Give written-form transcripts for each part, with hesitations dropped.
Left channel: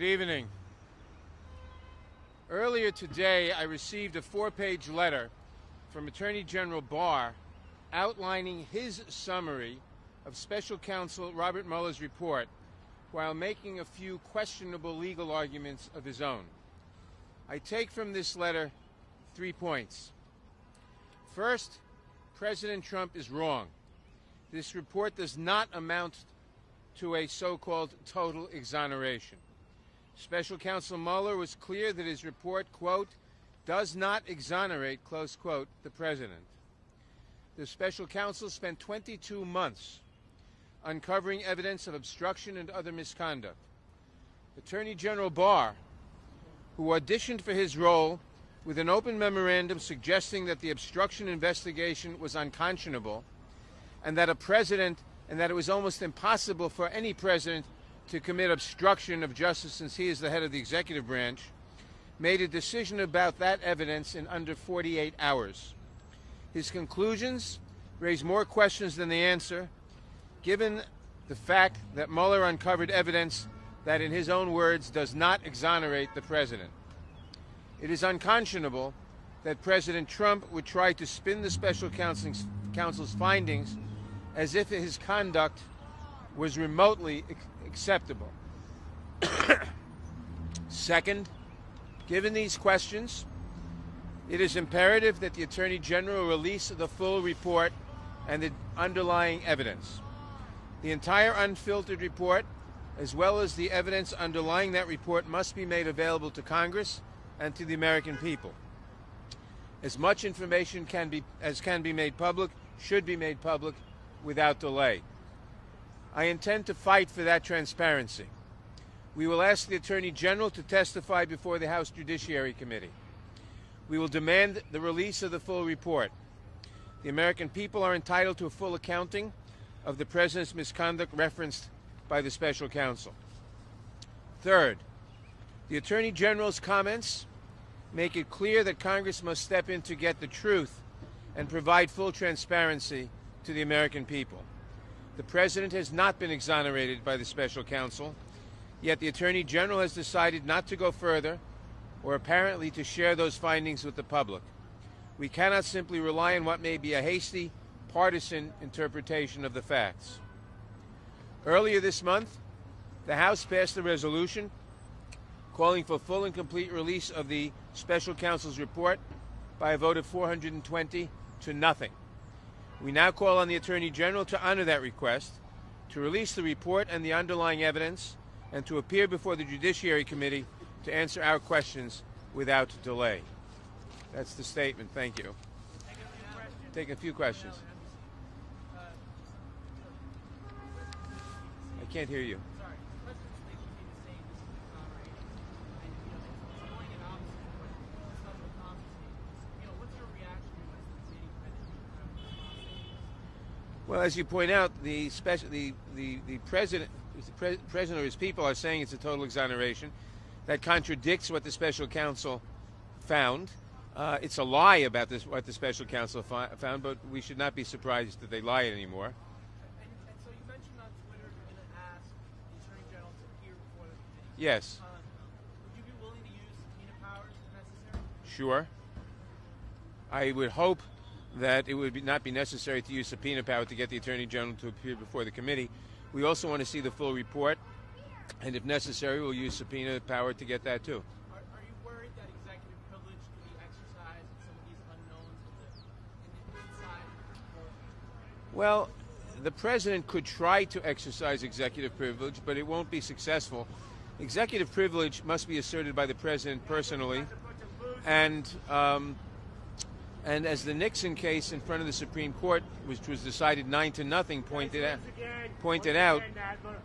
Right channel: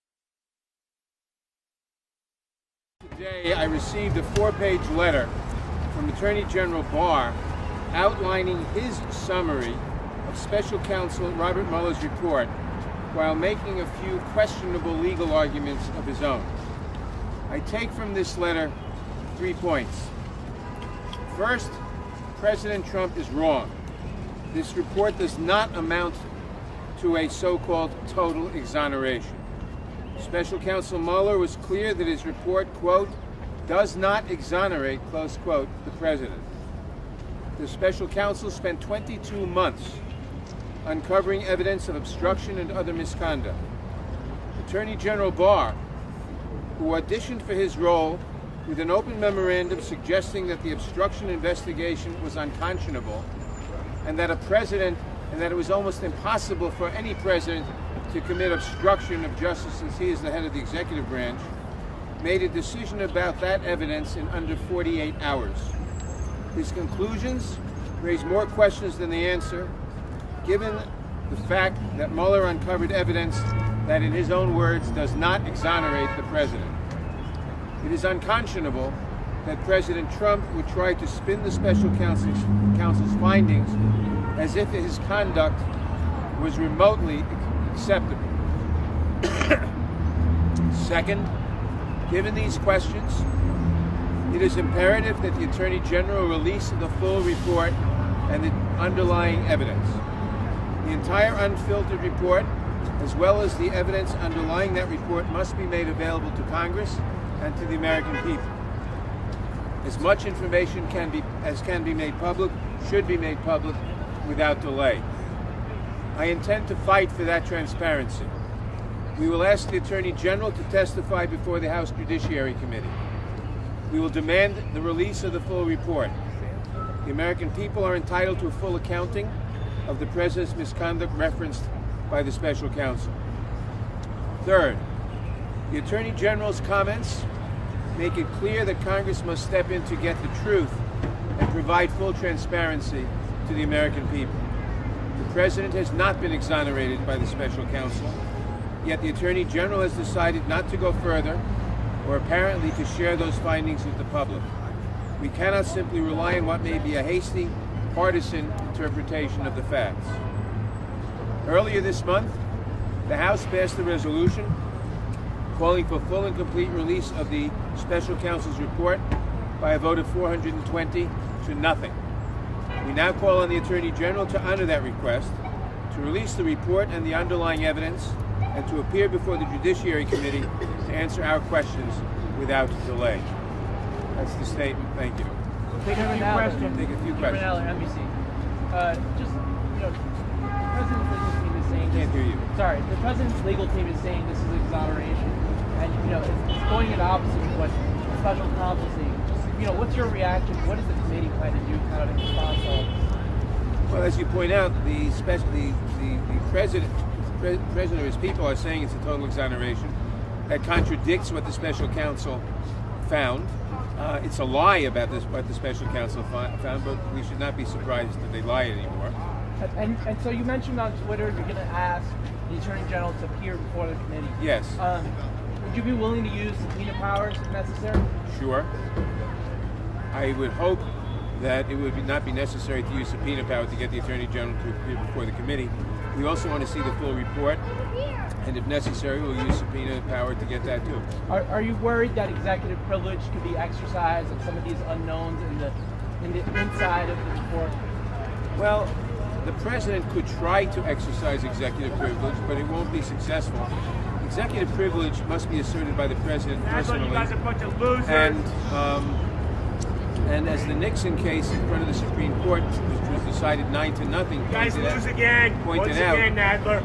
Good evening. Earlier today, I received a 4-page letter from Attorney General Barr outlining his summary of Special Counsel Robert Mueller's report while making a few questionable legal arguments of his own. I take from this letter 3 points. First, President Trump is wrong. This report does not amount to a so-called total exoneration. Special Counsel Mueller was clear that his report, quote, does not exonerate, close quote, the president. The special counsel spent 22 months uncovering evidence of obstruction and other misconduct. Attorney General Barr, who auditioned for his role with an open memorandum suggesting that the obstruction investigation was unconscionable and that it was almost impossible for any president to commit obstruction of justice since he is the head of the executive branch, made a decision about that evidence in under 48 hours. His conclusions raise more questions than they answer, given the fact that Mueller uncovered evidence that, in his own words, does not exonerate the president. It is unconscionable that President Trump would try to spin the special counsel's findings as if his conduct was remotely acceptable. Second, given these questions, it is imperative that the Attorney General release the full report and the underlying evidence. The entire unfiltered report, as well as the evidence underlying that report, must be made available to Congress and to the American people. As much information as can be made public should be made public without delay. I intend to fight for that transparency. We will ask the Attorney General to testify before the House Judiciary Committee. We will demand the release of the full report. The American people are entitled to a full accounting of the President's misconduct referenced by the special counsel. Third, the Attorney General's comments make it clear that Congress must step in to get the truth and provide full transparency to the American people. The President has not been exonerated by the special counsel, yet the Attorney General has decided not to go further, or apparently to share those findings with the public. We cannot simply rely on what may be a hasty, partisan interpretation of the facts. Earlier this month, the House passed a resolution calling for full and complete release of the special counsel's report by a vote of 420 to nothing. We now call on the Attorney General to honor that request, to release the report and the underlying evidence, and to appear before the Judiciary Committee to answer our questions without delay. That's the statement. Thank you. Take a few questions. Take a few questions. Nadler, NBC. The President's legal team is saying. Can't hear you. Sorry, the President's legal team is saying this is exoneration, and it's going in opposite of what the special counsel is saying. What's your reaction? What does the committee plan to do, kind of in response to all this? Well, as you point out, the president or his people are saying it's a total exoneration. That contradicts what the special counsel found. It's a lie about what the special counsel found, but we should not be surprised that they lie anymore. And so you mentioned on Twitter you're going to ask the Attorney General to appear before the committee. Yes. Would you be willing to use subpoena powers if necessary? Sure. I would hope that it would not be necessary to use subpoena power to get the Attorney General to appear before the committee. We also want to see the full report, and if necessary, we'll use subpoena power to get that too. Are you worried that executive privilege could be exercised on some of these unknowns in the inside of the report? Well, the president could try to exercise executive privilege, but it won't be successful. Executive privilege must be asserted by the president personally. You guys are a bunch of losers. And as the Nixon case in front of the Supreme Court, which was decided 9-0, pointed out, Nadler.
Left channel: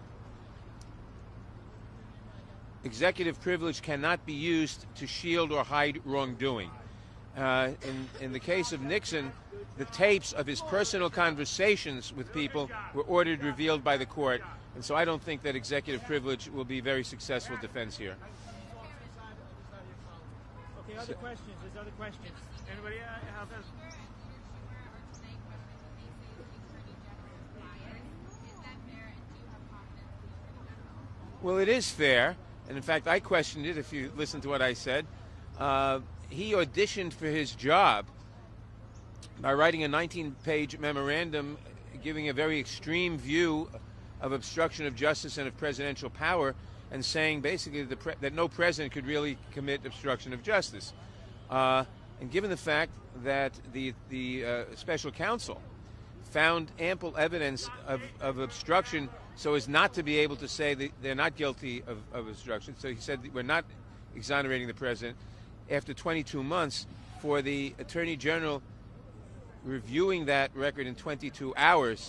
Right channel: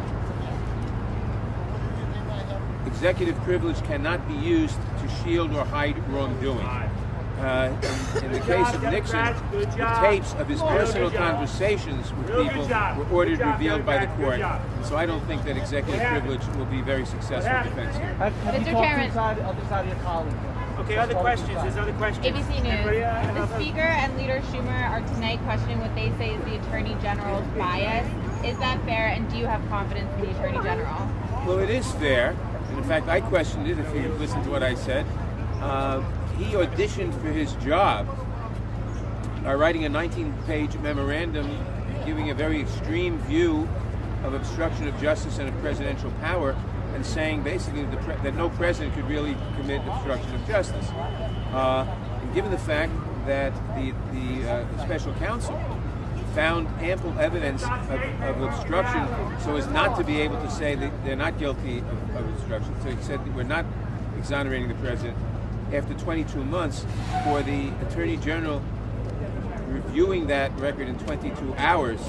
executive privilege cannot be used to shield or hide wrongdoing. In the case of Nixon, the tapes of his personal conversations with people were ordered revealed by the court. So I don't think that executive privilege will be a very successful defense here. Have you talked to the other side of your colleagues? Okay, other questions. There's other questions. ABC News. The Speaker and Leader Schumer are tonight questioning what they say is the Attorney General's bias. Is that fair, and do you have confidence in the Attorney General? Well, it is fair. And in fact, I questioned it, if you listen to what I said. He auditioned for his job by writing a 19-page memorandum giving a very extreme view of obstruction of justice and of presidential power, and saying basically that no president could really commit obstruction of justice. And given the fact that the special counsel found ample evidence of obstruction so as not to be able to say that they're not guilty of obstruction. So he said we're not exonerating the president. After 22 months, for the Attorney General reviewing that record in 22 hours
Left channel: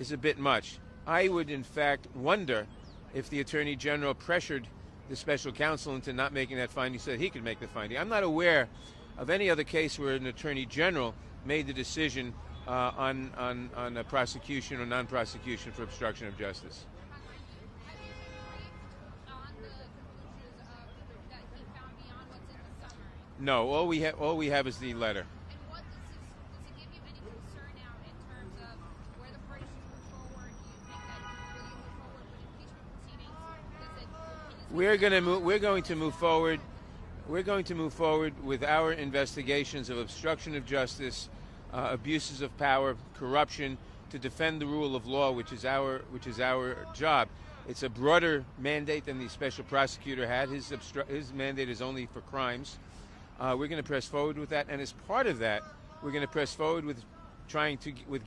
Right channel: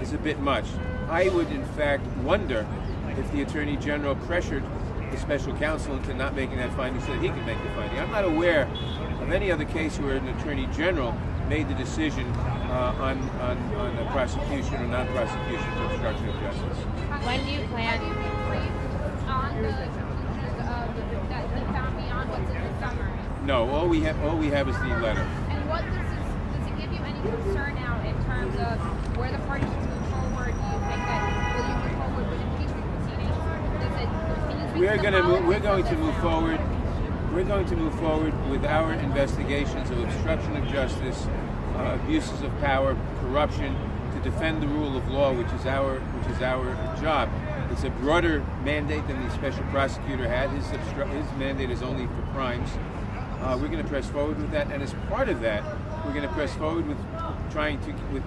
is a bit much. I would in fact wonder if the Attorney General pressured the special counsel into not making that finding so that he could make the finding. I'm not aware of any other case where an Attorney General made the decision on a prosecution or non-prosecution for obstruction of justice. When do you plan? On the conclusions that he found beyond what's in the summary. No, all we have is the letter. And what does it give you any concern now in terms of where the party should move forward? Do you think that will you move forward with impeachment proceedings? We're going to move forward. We're going to move forward with our investigations of obstruction of justice, abuses of power, corruption, to defend the rule of law, which is our job. It's a broader mandate than the special prosecutor had. His mandate is only for crimes. We're going to press forward with that, and as part of that, we're going to press forward with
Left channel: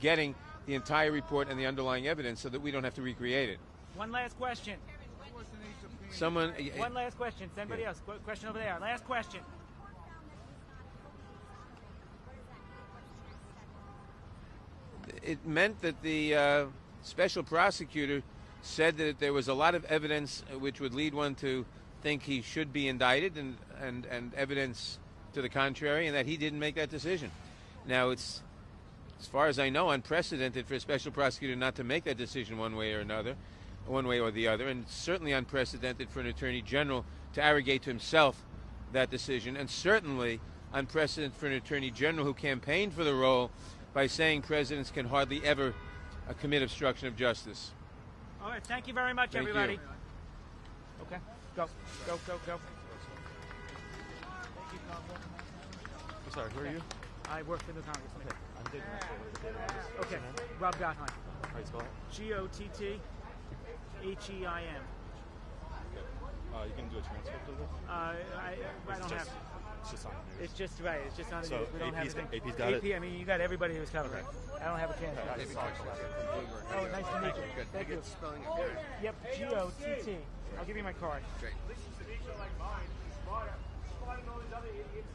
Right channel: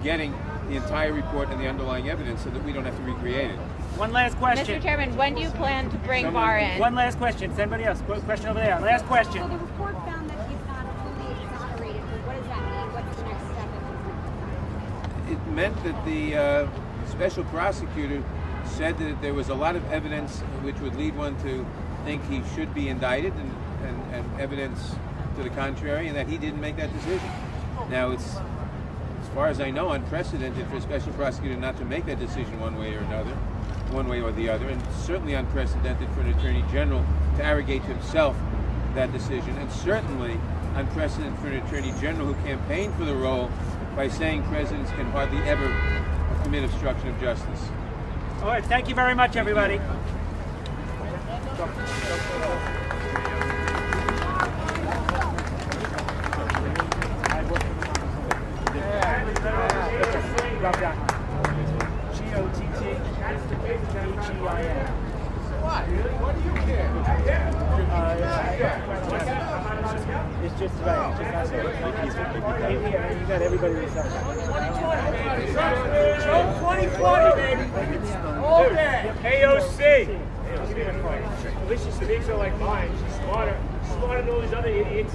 getting the entire report and the underlying evidence so that we don't have to recreate it. One last question. Mr. Chairman, when do you plan to bring Barr in? One last question. Anybody else? Question over there. Last question. So the report found that he's not fully exonerated. What does that mean? What's the next step? It meant that the special prosecutor said that there was a lot of evidence which would lead one to think he should be indicted, and evidence to the contrary, and that he didn't make that decision. Now, it's, as far as I know, unprecedented for a special prosecutor not to make that decision one way or the other, and certainly unprecedented for an Attorney General to arrogate to himself that decision, and certainly unprecedented for an Attorney General who campaigned for the role by saying presidents can hardly ever commit obstruction of justice. All right. Thank you very much, everybody. It's just right. It's just not everybody was 2020, baby. All day. AOC. At least she speaks her like mine. She's smarter than all these other idiots.